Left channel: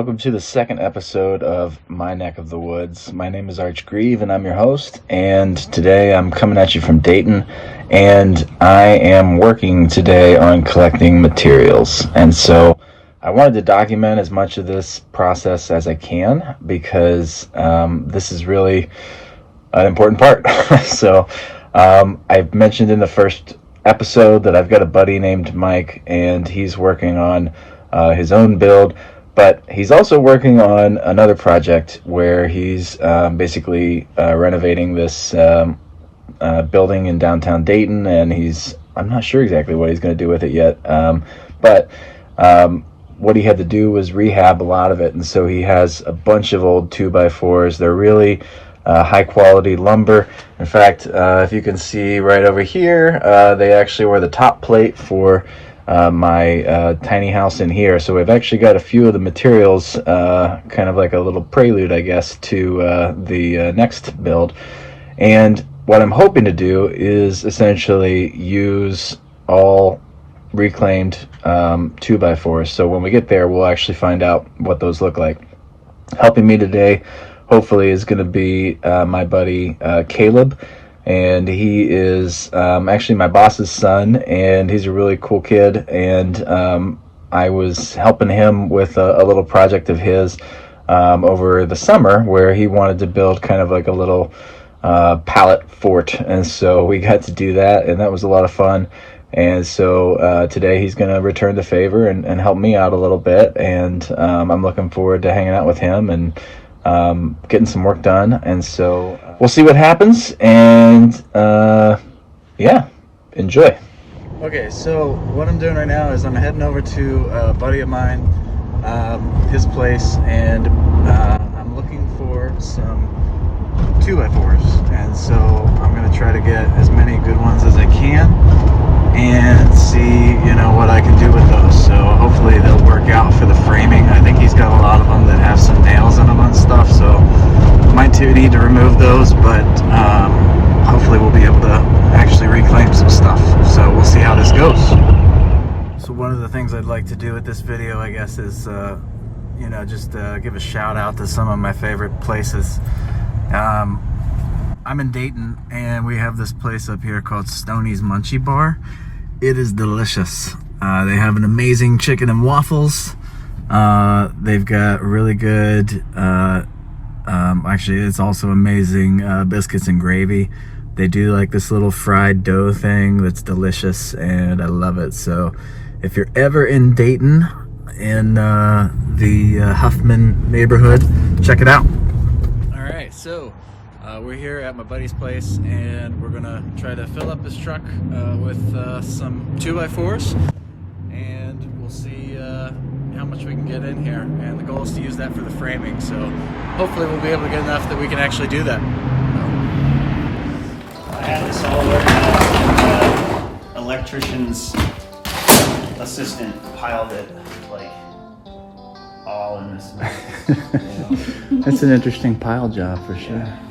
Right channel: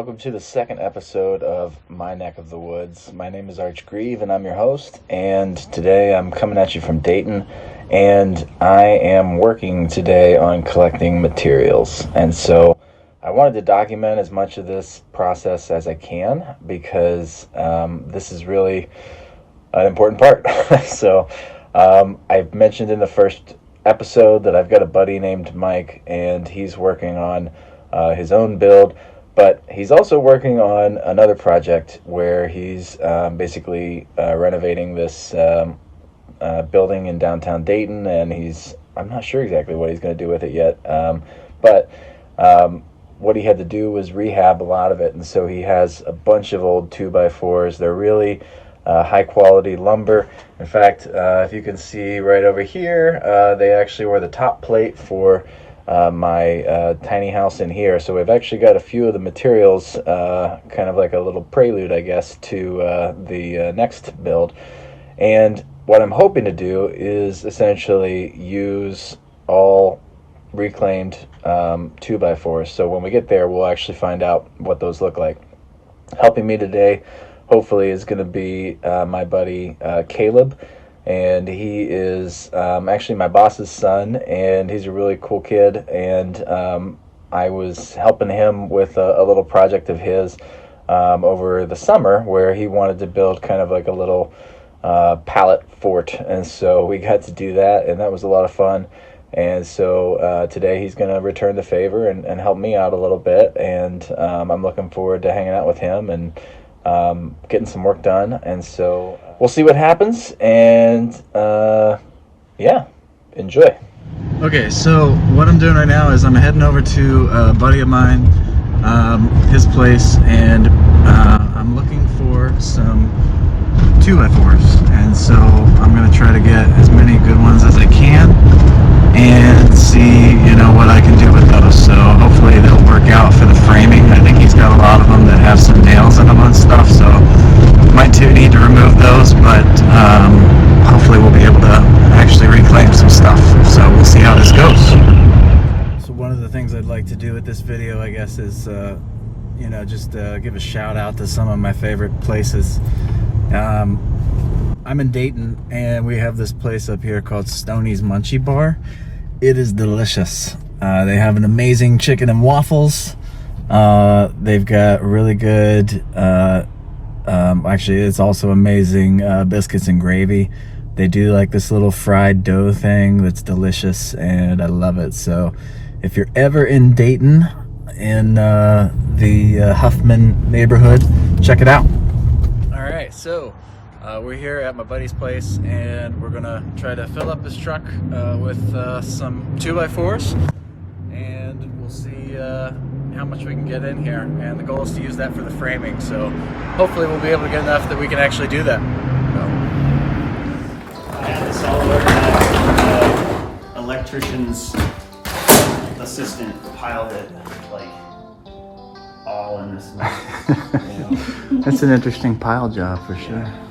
welcome to the second episode of My Neck of the Woods. My name is Arch Grieve, and I'm your host. And today I'm coming at you from Dayton, and I am working today on collecting materials. And so I wanted to document as much of this process as I can because this is really an important part. So I've mentioned in the first episode that I've got a buddy named Mike, and he's working on his own build, but he's also working on another project where he's basically renovating this building in downtown Dayton, and I'm not sure exactly what he's going to do with it yet, but what he had to do was rehab a lot of it, and so he has a bunch of old 2x4s. They're really high quality lumber. In fact, if you can see right over here, they actually were the top plate for my tiny house in here. So we've actually got a few of the materials, kind of like a little prelude, I guess, to the next build. And what I'm hoping to do is essentially use all reclaimed 2x4s. So when we get there, we'll actually find out what those look like. Helping me today, hopefully, is going to be my buddy Caleb. And he is actually my boss's son, and he's a really cool kid. And I was helping him with a little project of his over the summer where he wanted to build kind of like a little pallet fort. And so we got to do that, and that was a lot of fun. And so today he's going to return the favor and help me out a little bit. And I'm looking forward to hanging out with him and getting some work done. And so we'll see what happens, and yeah, enjoy. Okay, so what I'm doing right now is I'm heading over to a buddy of mine, his place, and I'm looking for some 2x4s, and so I'm going to try to get as many good ones as I can and see, what I can do with those. So hopefully they'll work out for the framing. I think he's got a lot of them that have some nails in them and stuff, so might need to remove those, but hopefully we'll be able to actually reclaim some stuff. So we'll see how this goes. So one of the things I'd like to do with this video, I guess, is just give a shout out to some of my favorite places. I'm in Dayton, and we have this place up here called Stoney's Munchie Bar. It is delicious. They have an amazing chicken and waffles. They've got really good, actually it's also amazing biscuits and gravy. They do like this little fried dough thing that's delicious, and I love it. So if you're ever in Dayton, in the Huffman neighborhood, check it out. All right, so we're here at my buddy's place, and we're gonna try to fill up this truck with some 2x4s, and we'll see how much we can get in here. And the goal is to use that for the framing, so hopefully we'll be able to get enough that we can actually do that. I had this all over. The electrician's assistant piled it like all in this mess. That's an interesting pile job for sure. Yeah.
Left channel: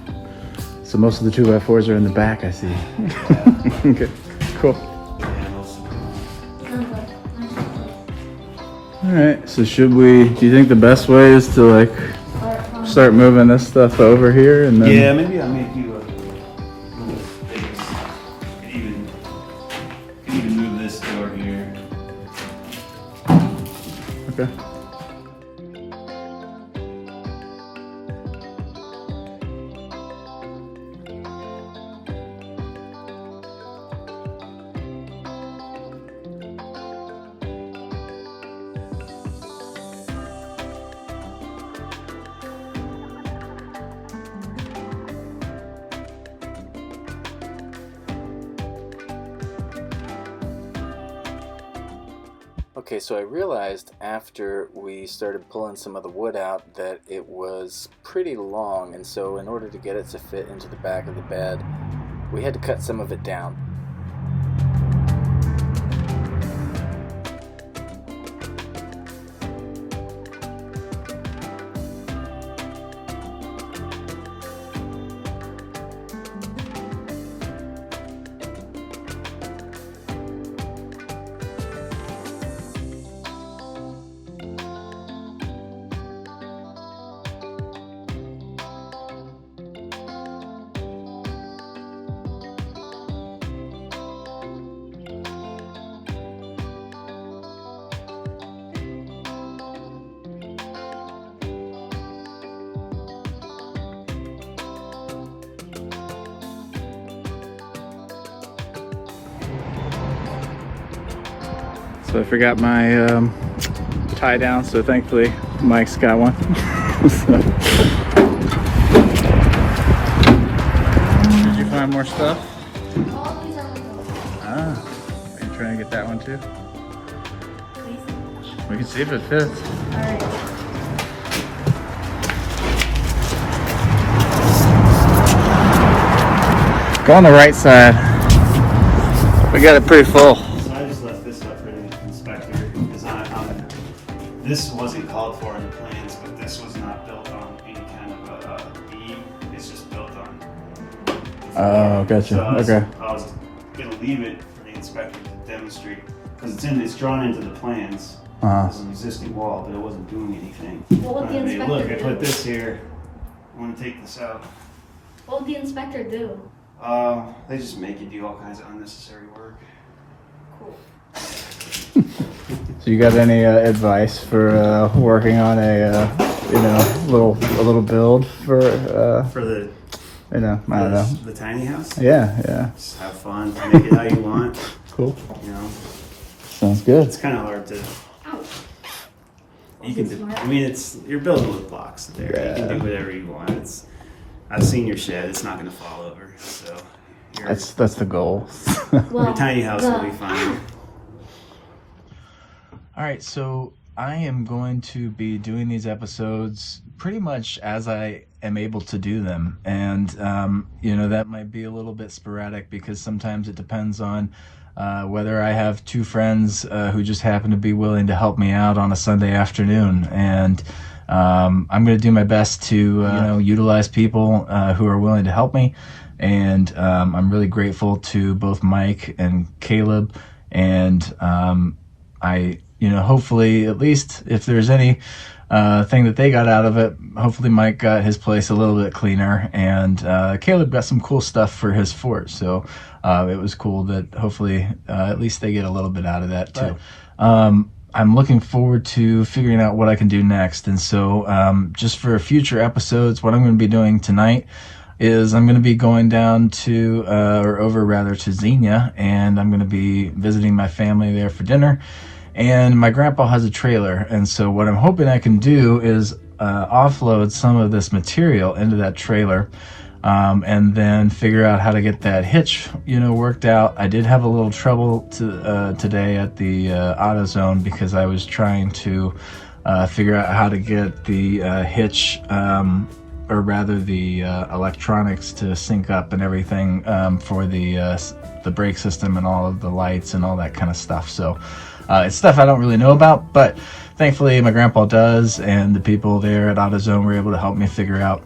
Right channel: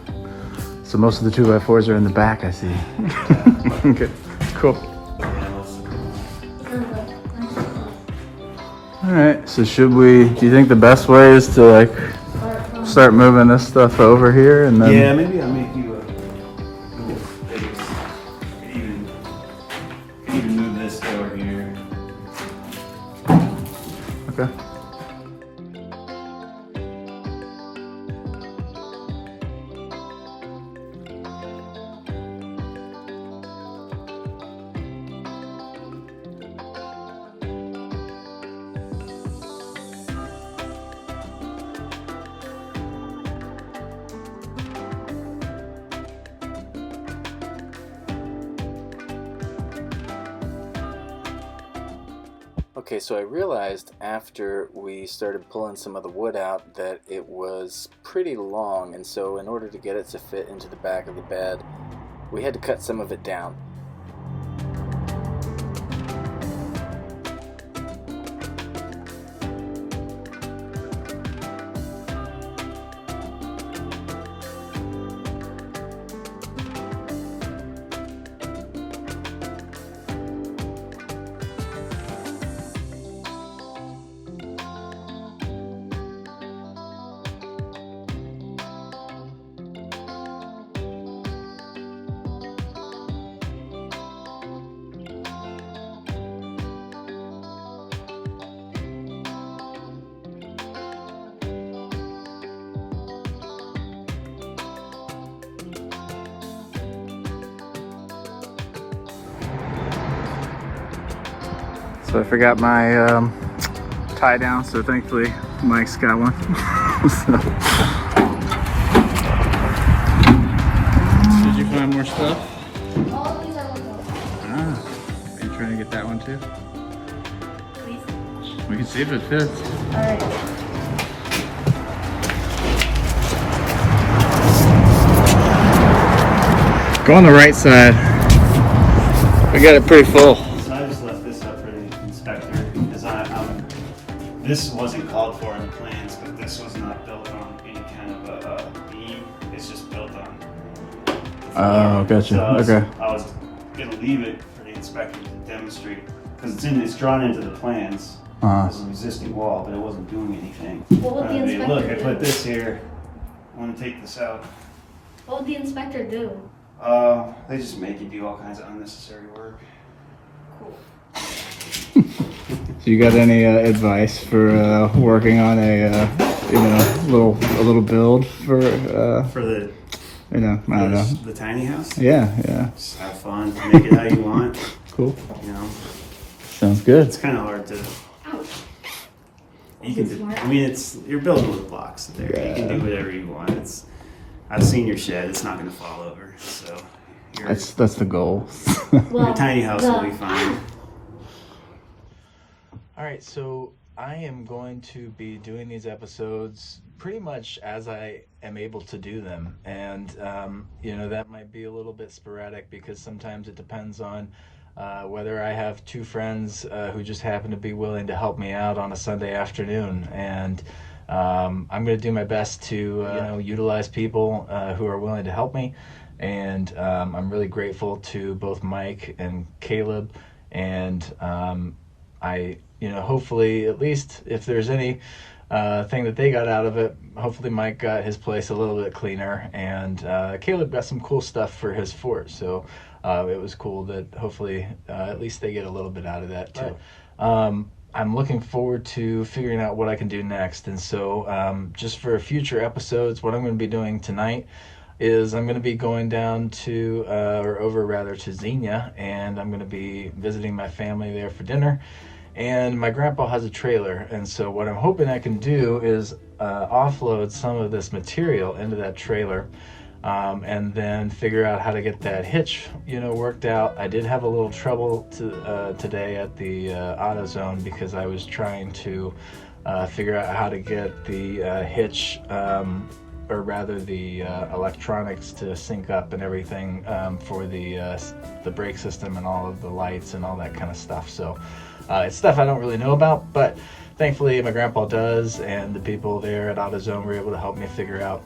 So most of the 2x4s are in the back, I see. Yeah. Okay, cool. Alright, so do you think the best way is to like start moving this stuff over here and then... Yeah, maybe I'll make you a little space. You could even move this over here. Okay. Okay, so I realized after we started pulling some of the wood out that it was pretty long, and so in order to get it to fit into the back of the bed, we had to cut some of it down. So I forgot my tie down, so thankfully Mike's got one. Did you find more stuff? All these are little. Ah, are you trying to get that one too? Please. We can see if it fits. Alright. Go on the right side. We got it pretty full. So I just left this up for the inspector because this wasn't called for in the plans, but this was not built on any kind of a beam. It's just built on. Oh, gotcha. So I was Okay. gonna leave it for the inspector to demonstrate because it's drawn into the plans. Uh-huh. There's an existing wall, but it wasn't doing anything. What would the I mean, inspector look, I do? put this here. I want to take this out. What would the inspector do? They just make you do all kinds of unnecessary work. Cool. So you got any advice for working on a little build for For the I don't know. the tiny house. Yeah. Just have fun, make it how you want. Cool. You know, Sounds good. it's kind of hard to. Ouch. You can. Smart. I mean, you're building with blocks there. You can do whatever you want. I've seen your shed. It's not going to fall over. So That's the goal. your tiny house will be fine. All right, so I am going to be doing these episodes pretty much as I am able to do them. And, that might be a little bit sporadic because sometimes it depends on whether I have two friends who just happen to be willing to help me out on a Sunday afternoon. And I'm going to do my best to, utilize people who are willing to help me. And I'm really grateful to both Mike and Caleb. And hopefully, at least if there's any thing that they got out of it, hopefully Mike got his place a little bit cleaner, and Caleb got some cool stuff for his fort. So it was cool that hopefully at least they get a little bit out of that too. Right. I'm looking forward to figuring out what I can do next. And so just for future episodes, what I'm going to be doing tonight is I'm going to be going down to, to Xenia, and I'm going to be visiting my family there for dinner. And my grandpa has a trailer, and so what I'm hoping I can do is offload some of this material into that trailer, and then figure out how to get that hitch, worked out. I did have a little trouble today at the AutoZone because I was trying to figure out how to get the hitch, or rather the electronics to sync up and everything for the brake system and all of the lights and all that kind of stuff. So it's stuff I don't really know about, but thankfully my grandpa does, and the people there at AutoZone were able to help me figure out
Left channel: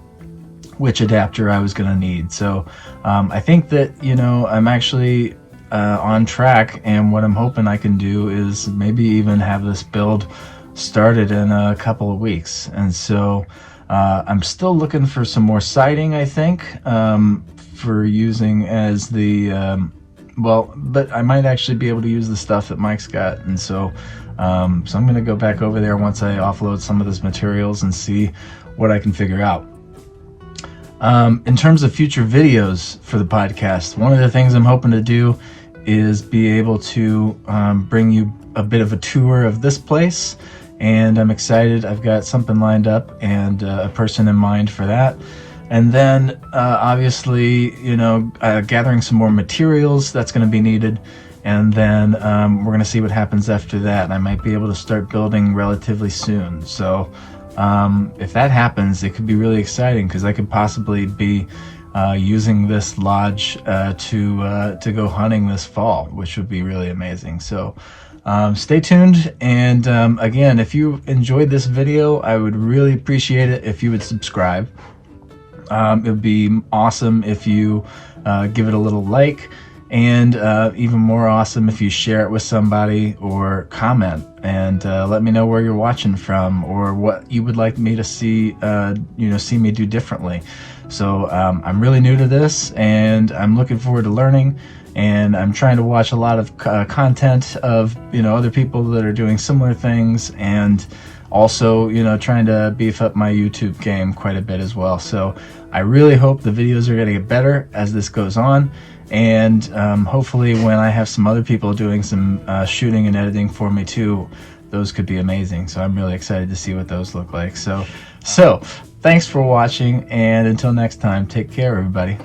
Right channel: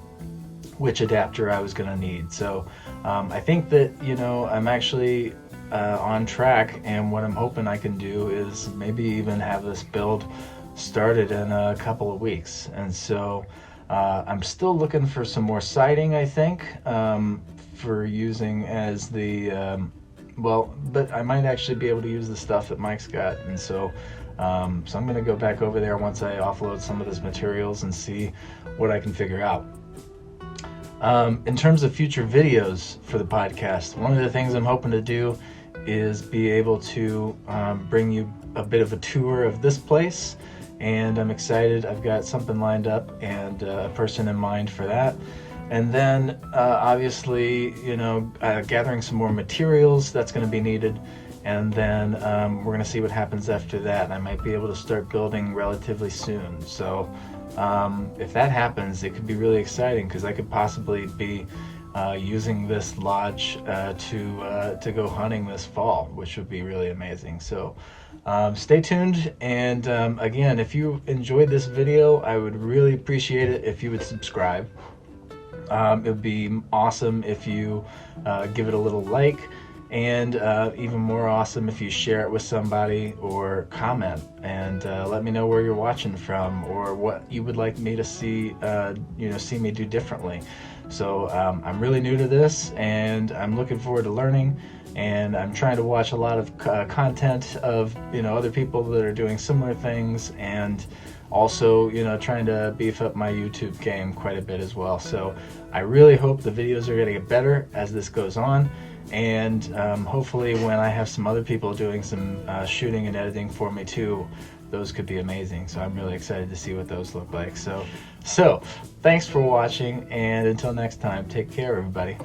which adapter I was going to need. So I think that, I'm actually on track, and what I'm hoping I can do is maybe even have this build started in a couple of weeks. And so I'm still looking for some more siding, I think, for using as the but I might actually be able to use the stuff that Mike's got. And so I'm going to go back over there once I offload some of these materials and see what I can figure out. In terms of future videos for the podcast, one of the things I'm hoping to do is be able to bring you a bit of a tour of this place, and I'm excited. I've got something lined up and a person in mind for that. And then obviously, gathering some more materials that's going to be needed. And then we're going to see what happens after that. I might be able to start building relatively soon. So if that happens, it could be really exciting because I could possibly be using this lodge to go hunting this fall, which would be really amazing. So stay tuned. And again, if you enjoyed this video, I would really appreciate it if you would subscribe. It would be awesome if you give it a little like, and even more awesome if you share it with somebody or comment and let me know where you're watching from or what you would like me to see see me do differently. So I'm really new to this, and I'm looking forward to learning, and I'm trying to watch a lot of content of other people that are doing similar things, and also trying to beef up my YouTube game quite a bit as well. So I really hope the videos are going to get better as this goes on, And hopefully when I have some other people doing some shooting and editing for me too, those could be amazing. So I'm really excited to see what those look like. So thanks for watching, and until next time, take care, everybody.